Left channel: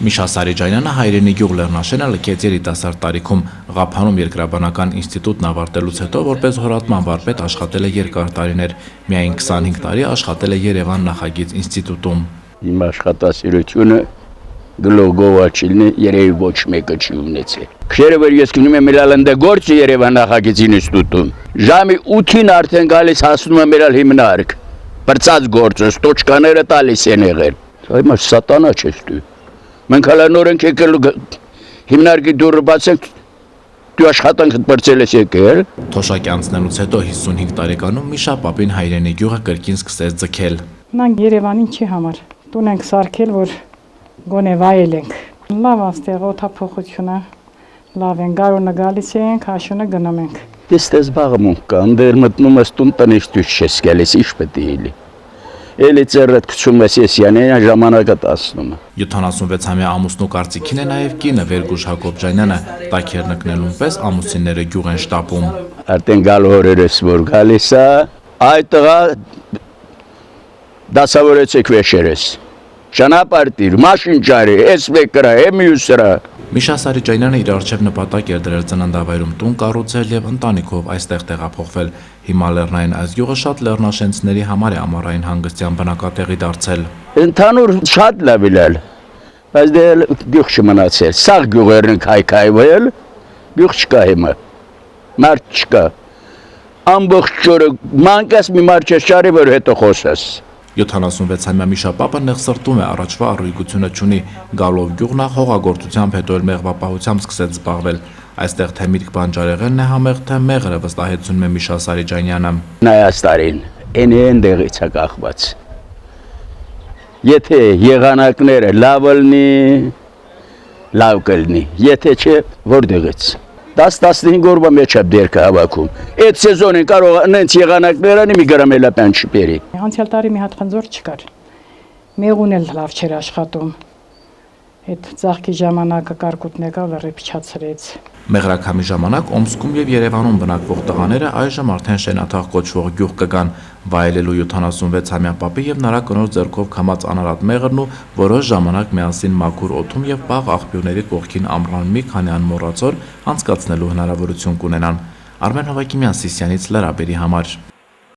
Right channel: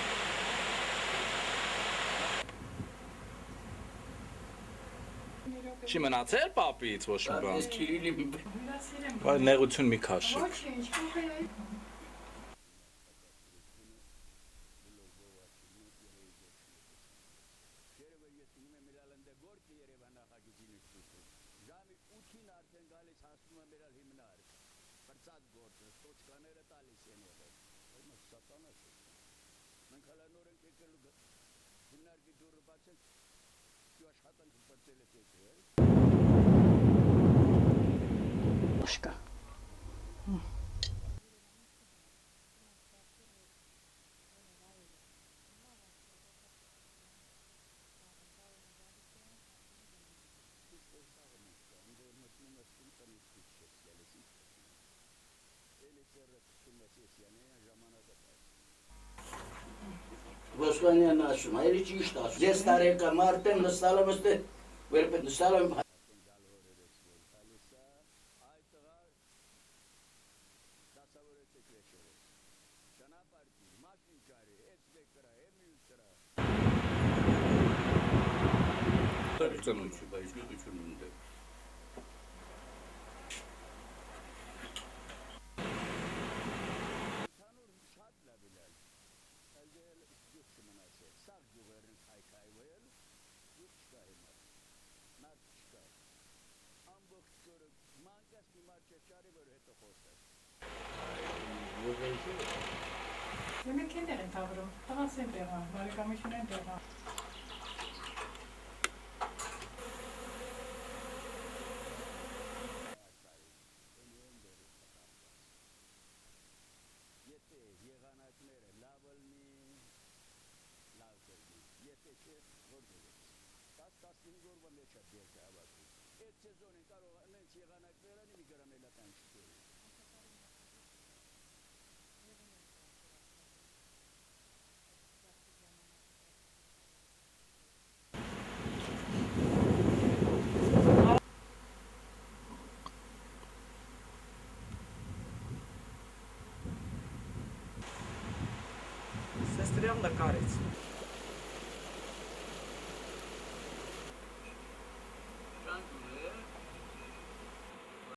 Միշա Սարիջանյանը հայրենի գյուղ Լեռնաշենը լքեց երիտասարդ տարիքում, Ղափանում երկրաբանական ինստիտուտն ավարտելուց հետո որպես հորատման վարպետ աշխատել է երկար տարիներ, միայն 25 տարի աշխատել է Երևան նախագիծ ինստիտուտում։ Իմ աշխատասիրությունը գլոգովաչիլնի երևի ոչ մեկը չի ունեցել։ Քշերը որ ես գնում եմ իրալանդե գործը Երևան նախագիծ ինստիտուտում, ժամի 8-ին արդեն գալիս հասնում եմ իրալ հիմնարկ, բրծած գործը, ստոճկաները տալիս են եղել։ Հիմա սատանա չես դու։ Մենք հələ նորենք եկել հիմնարկի դուռը բացենք, դու աշխատանքդ բրծել ես եկել։ Թոշակի անցնելուց հետո 55 տարեկանում Միշա պապին հայրենի գյուղը կրկին սկսեց ձգել։ Մենք Երևանին չի համար, տուն ենք սարքել, որ գոնե վայելենք։ Լավ աստեղ օդափոխությունը, լավ են, գարունը գալիս ենք, հաշունը գնում ենք։ Դες զբաղմունք կա, դեր մտնում ես տուն տնից դուրս չես գալիս, ինչ պետք է լինի։ Էլի ծերդ գցում ես եսյանեն ժամանակը տասնում։ 76-ամյա ամուսնու կարծիքին է նաև կինը Վերգուշ Հակոբյանյանը, տաքեր նկնելուն պես ամուսինները գյուղ են շտապում։ Արդեն գալ օրերս որ գալիս է, այդ տղա դասավորեցեք վեշերես։ Ճանապարհիր, մաշին ճարի, էս մեկրա, մյուսրա։ Միշա Սարիջանյանը իր առջև նպատակ էր դրել ծննդավայրում տուն կառուցել եւ ընտանիքով այստեղ տեղափոխվել։ Հիմա Լեռնային այս գյուղը շատ լեռնաշենցների համար է ամառային հանգստյան բնակատեղի դարձել։ Ընդհանուր շատ լավ է, բայց դե գյուղ չմնացել։ Սաղ գյուղերն քայքայվել, գյուղ չկա հիմա։ Մարդ չկա։ Ամբողջ օրը մանկես մի մարդ չարի որ հետո խոսես։ 76-ամյա Միշա պապը նեղ սրտում է, առաջվա առույգությունը չունի, գալով գյուղնա հողագործությամբ հետո էլ մեղվապահությամբ սկսեց զբաղվել։ Այստեղ թե միրգ բանջարեղենն է համեղ, թե մեղրը, վստահեցնում է Միշա Սարիջանյանը։ Նայաստարին, այն դեղից է կախված։ Եթե եղանակները լավ լինի, լավ կլինի, եթե չէ, որտեղից։ 10-15 օրվա մեջ է դերքը հավաքում։ Այդ սեզոնին կարող նենց եղանակներն մի գրամելապյան չբերի։ Անցյալ տարի մի հատ խնձոր չկար։ Մեղուն էլ լավ չէր աշխատում։ Այդ ծաղկի ժամանակը կարկուտն եկավ լրիվ փչացրեց։ Մեղրաքամի ժամանակ Օմսկում եւ Երևանում բնակվող տղաները այժմ արդեն Շենաթաղ կոչվող գյուղ կգան, վայելելու 76-ամյա պապի եւ նրա կնոջ ձեռքով քամած անարատ մեղրն ու որոշ ժամանակ միասին մաքուր օդում եւ բաղ աղբյուրների կողքին ամռան մի քանի անմոռացոր անցկացնելու հնարավորություն կունենան։ Արմեն Հովակիմյան, Սիսյանից Լրաբերի համար։